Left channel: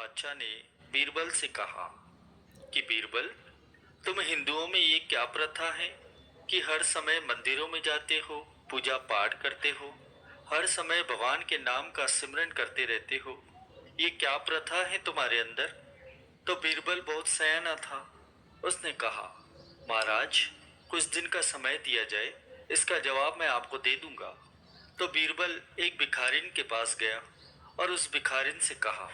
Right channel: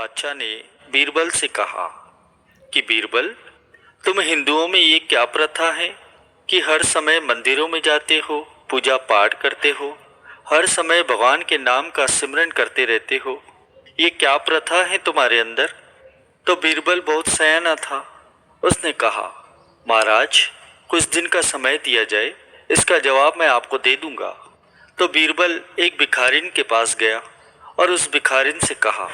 बादशाह ने बीरबल से कहा कि बीरबल, तुम हिंदुओं में ये क्या प्रथा है कि हर समय मंदिरों में जाते हो, पूजा पाठ करते हो, हर समय भगवान के नाम का सिमरन करते रहते हो। ये क्या प्रथा है तुम्हारे अंदर? तो बीरबल बहुत सयाना था। उसने कहा, महाराज, कुछ दिन का समय दिया जाए, इसका जवाब मैं आपको दे दूंगा। तो बीरबल एक भिखारिन के पास गया और उस भिखारिन से कहा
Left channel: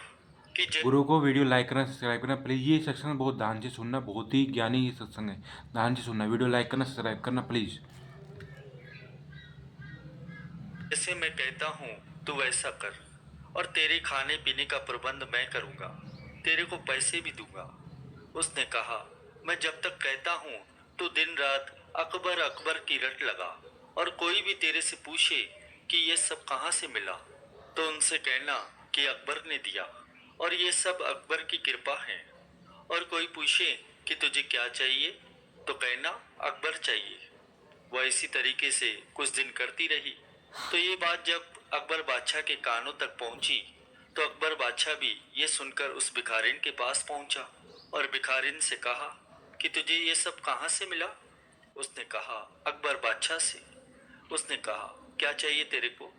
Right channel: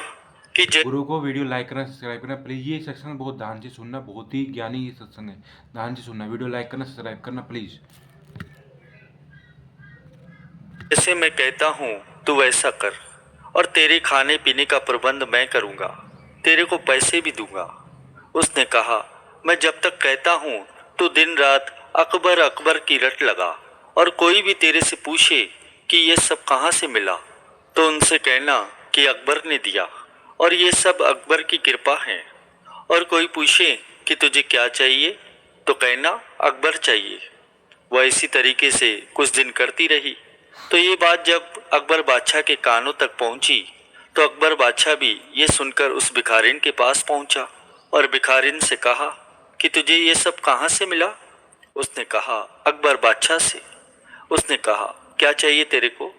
कि गुरु को वीडियो लाइक करना, सब्सक्राइब करना प्लीज़। ये सत्संग बहुत ध्यान से सुनना, बहुत ही ज्ञानी ये सत्संग है। ध्यान से सुनना, वीडियो लाइक करना, सब्सक्राइब करना प्लीज़। जैसे मैं कहता हूँ तू वैसा कर, और तेरे खाने पीने का प्रबंध मैं करूँगा, तेरे को पैसे भी दूंगा। उसने कहा, मैं जब तक कहता हूँ तू दिन रात अकबर अकबर की रट लगा, और कोई भी तेरे से पूछे कि ये सब कहाँ से मिला तो उनसे कहना कि अकबर ने दिया, और ये सब अकबर की कृपा है। और कोई पूछे कि तुझे क्या चाहिए तो कहना अकबर चाहिए। वह इसी तरीके से कुछ दिन करती रही। तो ये बात जब अकबर बादशाह के कानों तक पहुंची तो अकबर बादशाह भी ये सुनकर उस भिखारिन के पास पहुंचा और भिखारिन से कहा कि तुझे ये सब कहाँ से मिला? उसने कहा, अकबर बादशाह से। उसने कहा, क्या चाहिए तेरे को?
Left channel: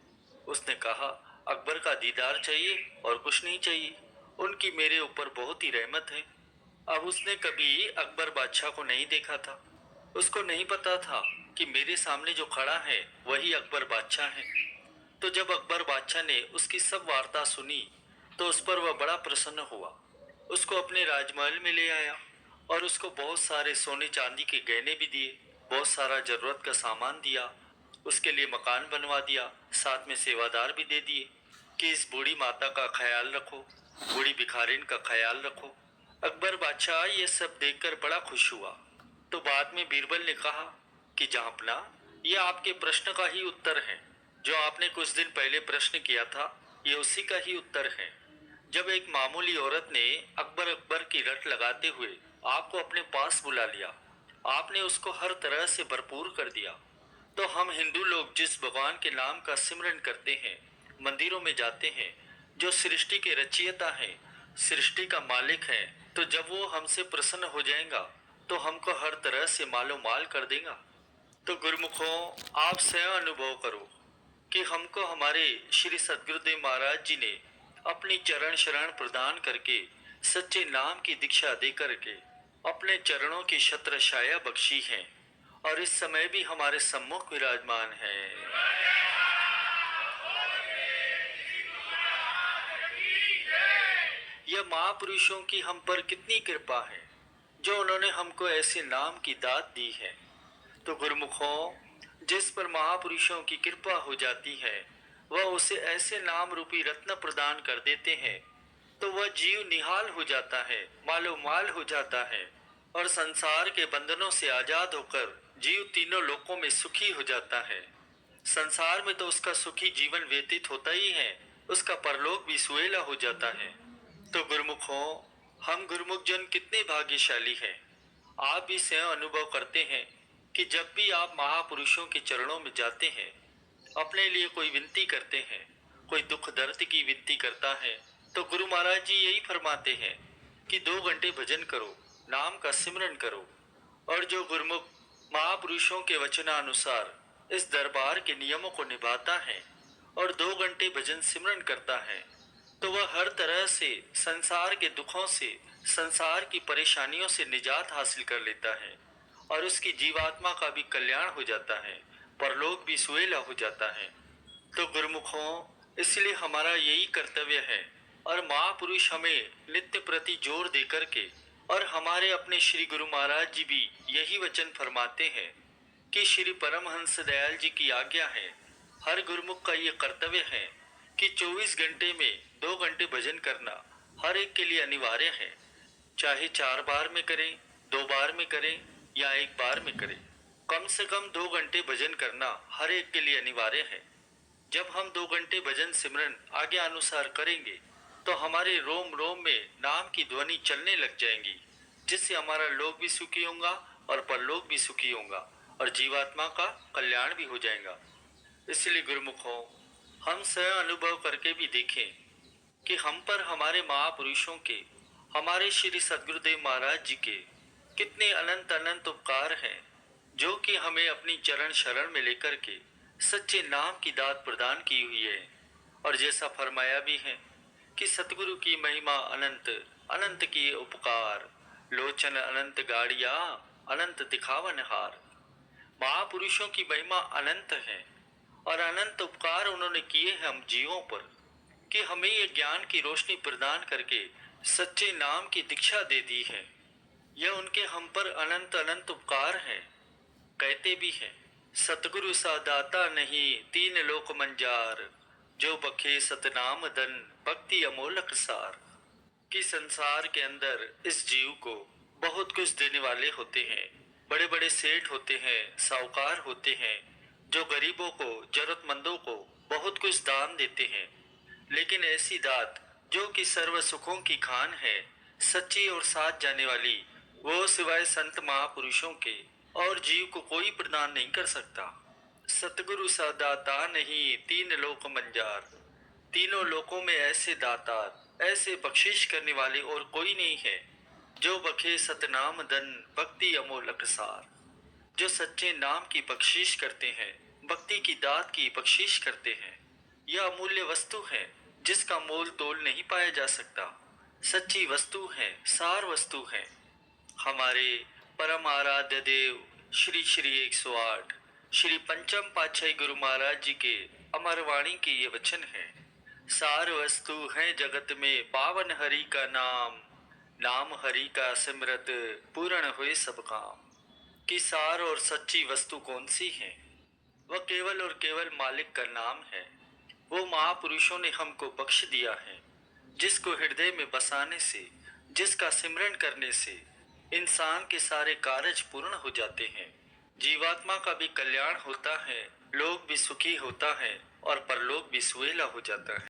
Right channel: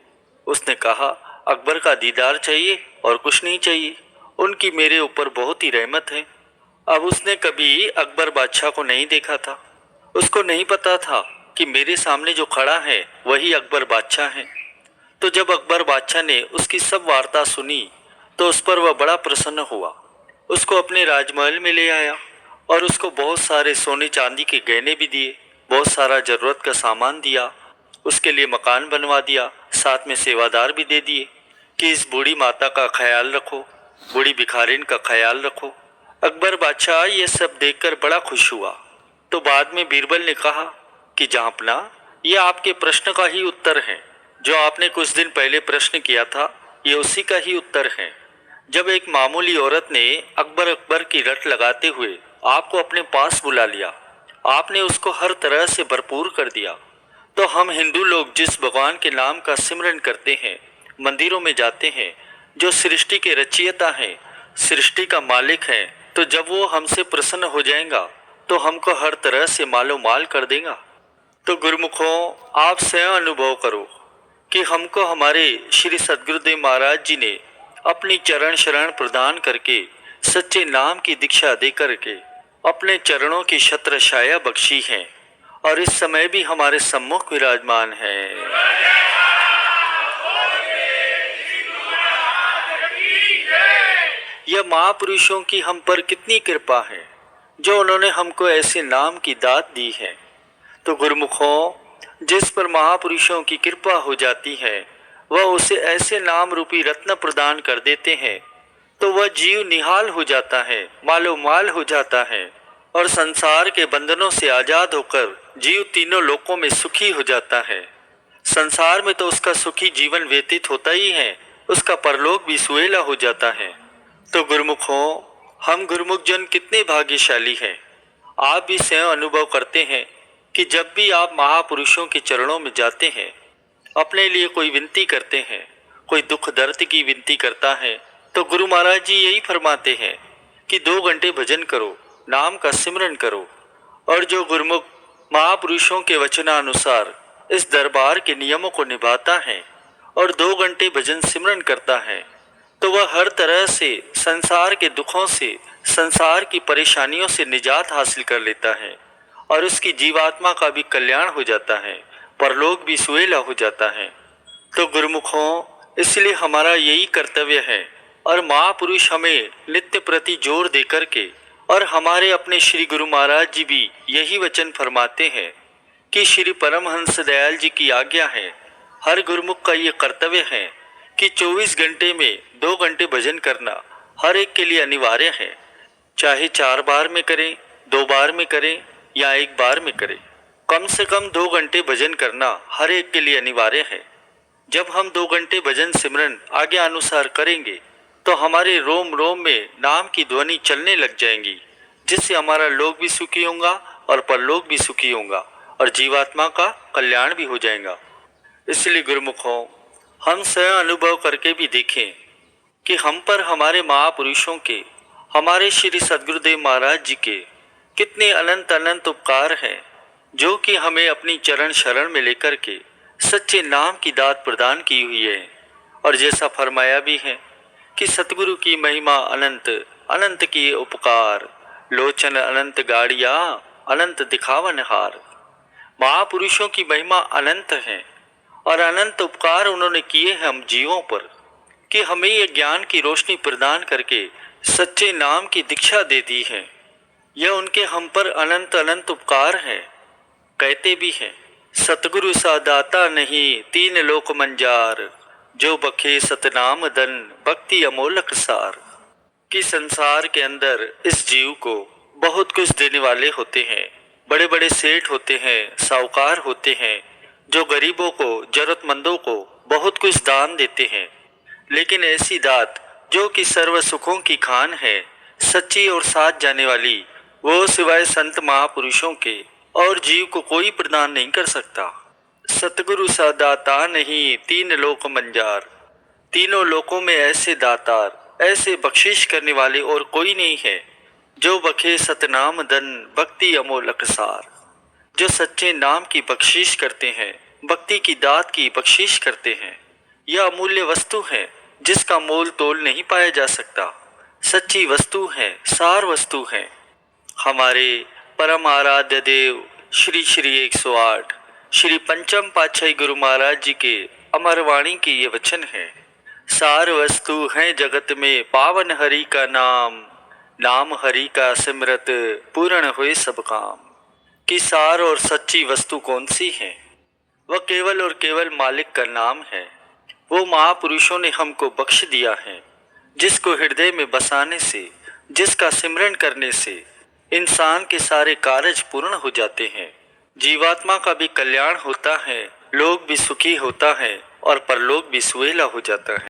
उसने कहा, अकबर का दीदार चाहिए और कुछ नहीं चाहिए। उनकी मेरे ऊपर बहुत ही रहमत है। अब उसने कभी अकबर बादशाह को नहीं देखा था। उसको नहीं पता था कि मेरे सामने जो खड़ा है वही अकबर बादशाह है। तो जब अकबर बादशाह ने उसकी सब वार्ता सुनी तो उस पर वह बड़ा प्रसन्न हुआ। उसको अपने राजमहल में ले आया और उसको बहुत सारे सोने चांदी के गहने भी दिए, बहुत सारा जरूरत का सामान दिया, उसके लिए मकान बनवा दिया, साथ में सेवादार भी दे दिए कि इस बूढ़ी माता का ख्याल रखो, बूढ़ी भिखारिन का ख्याल रखो। अकबर बादशाह ये सब देखकर बड़ा खुश हुआ। तो बाद में बीरबल ने कहा कि जहाँपना, ये आपके प्रश्न का ही उत्तर है। जो आपने कुछ दिन पहले प्रश्न किया था, ये उसी का ही उत्तर है। जब एक मामूली औरत ने अकबर अकबर की रट लगाते हुए आपको अपने पास बुला लिया, आपने उसको हर तरह से भरपूर कर दिया। तो हम हिंदू लोग जिस भगवान के नाम का सिमरन करते हैं, मंदिरों में जाते हैं, जो सृष्टि के रचयिता हैं, सृष्टि का मालिक है, तो जब वो हमसे प्रसन्न हो जाएगा तो हमको हर तरह से मालो माल कर देगा। तो गुरुमुखों, आप स्वयं अनुभव करो कि हमको हमारे श्री सद्गुरुदेव महाराज जी ने अपनी चरण शरण प्रदान करके, सच्चे नाम की दीक्षा दे करके अपने चरणों की छत्र छाया बख्शी है, और इस समय भी हमारे सम्मुख विराजमान है। यह महापुरुषों की हम पर कितनी कृपा है, जो उन्होंने हमको ऐसे नाम की दात दी है। तो गुरुमुखों, जिस पर महापुरुषों की कृपा हो जाती है, वह उसे ऐसे नाम रूपी रत्न प्रदान कर देते हैं, तो वह जीव निहाल हो जाता है, मालो माल हो जाता है, और संसार के बंधनों से आजाद होकर जीव तीनों लोकों में सुखी हो जाता है। संसार में तो उसका सुखी जीवन व्यतीत होता ही है, उसका परलोक भी सुहेला हो जाता है। तो गुरुमुखों, हम गुरुमुख जन कितने भाग्यशाली हैं। आप भी स्वयं अनुभव करते हैं कि जब भी आप महापुरुषों के चरणों में जाते हैं, अपने लिए कोई विनती करते हैं, कोई दुख दर्द की विनती करता है, तो गुरु महाराज जी यही फरमाते हैं कि 2 घंटे भजन करो, नाम का सिमरन करो। और जो गुरुमुख महापुरुषों के वचनानुसार इस दरबार के नियमों को निभाता है और 2 घंटे भजन सिमरन करता है, तो वह हर तरह से संसार के दुखों से, संसार की परेशानियों से निजात हासिल कर लेता है, और उसकी जीवात्मा का भी कल्याण हो जाता है, परलोक भी सुहेला हो जाता है। तो गुरुमुखों, इसलिए हमारा यही कर्तव्य है, और महापुरुष हमें नित्य प्रति जोर दे करके, और हमारे अपने श्री गुरु महाराज जी भी यही वचन फरमाते हैं कि श्री परमहंस दयाल जी की आज्ञा है, हर गुरुमुख का ये कर्तव्य है कि 24 घंटे में 2 घंटे भजन करना हर एक के लिए अनिवार्य है। चाहे 4 बार में करें, 2 बार में करें या 1 बार में करें, कम से कम 2 घंटे भजन करना हर एक के लिए अनिवार्य है। जब हम 2 घंटे भजन सिमरन आज्ञा अनुसार करेंगे तो हमारे रोम रोम में नाम की ध्वनि चलने लग जाएंगी, जिससे हमारा लोक भी सुखी होगा और परलोक भी सुखी होगा, और जीवात्मा का कल्याण भी हो जाएगा। इसलिए गुरुमुखों, हम स्वयं अनुभव करके भी देखें कि हम पर हमारे महापुरुषों के, हमारे श्री सद्गुरुदेव महाराज जी के कितने अनंत अनंत उपकार हैं, जो कि हमें अपनी चरण शरण में लेकर के सच्चे नाम की दात प्रदान की हुई है। और जैसा फरमाया भी है कि सतगुरु की महिमा अनंत, अनंत की उपकार, लोचन अनंत गाड़िया, अनंत दिखावन हार। महापुरुषों की महिमा अनंत है और अनंत उपकार उन्होंने किए हैं हम जीवों पर, कि हमें ये ज्ञान की रोशनी प्रदान करके सच्चे नाम की दीक्षा दे दी है। यह उनके हम पर अनंत अनंत उपकार है। कहते भी हैं, सतगुरु सा दाता नहीं तीन लोक मंजार, जो बखे सतनाम धन भक्ति अमोलक सार। कि संसार के अंदर इस जीव को बहुत कुछ देने वाले होते हैं, बड़े बड़े सेठ होते हैं, साहूकार होते हैं, जो गरीबों को, जरूरतमंदों को बहुत कुछ दान देते हैं। लेकिन ऐसी दात जो कि सर्व सुखों की खान है, सच्ची और साथ जाने वाली, वो सिवाय संत महापुरुषों के और जीव को कोई प्रदान नहीं कर सकता। सतगुरु सा दाता नहीं तीन लोक मंजार, तीनों लोकों में ऐसे दातार, ऐसे बख्शिश करने वाले और कोई नहीं है, जो बखे सतनाम धन भक्ति अमोलक सार। जो सच्चे नाम की बख्शिश करते हैं, भक्ति की दात की बख्शिश करते हैं, यह अमूल्य वस्तु है जिसका मोल तोल नहीं पाया जा सकता। सच्ची वस्तु है, सार वस्तु है। हमारे परम आराध्य देव श्री श्री 108 श्री पंचम पातशाही गुरु महाराज जी के अमर वाणी के ये वचन है, सार वस्तु है जगत में पावन हरि का नाम, नाम हरि का सिमरत पूर्ण हुए सब काम। कि सार और सच्ची वस्तु कौन सी है? वह केवल और केवल मालिक का नाम है। वो महापुरुषों ने हमको बख्श दिया है, जिसको हृदय में बसाने से, जिसका सिमरन करने से इंसान के सारे कार्य पूर्ण हो जाते हैं। जीवात्मा का भी कल्याण होता है, लोग भी सुखी होता है और परलोक भी सुहेला हो जाता है।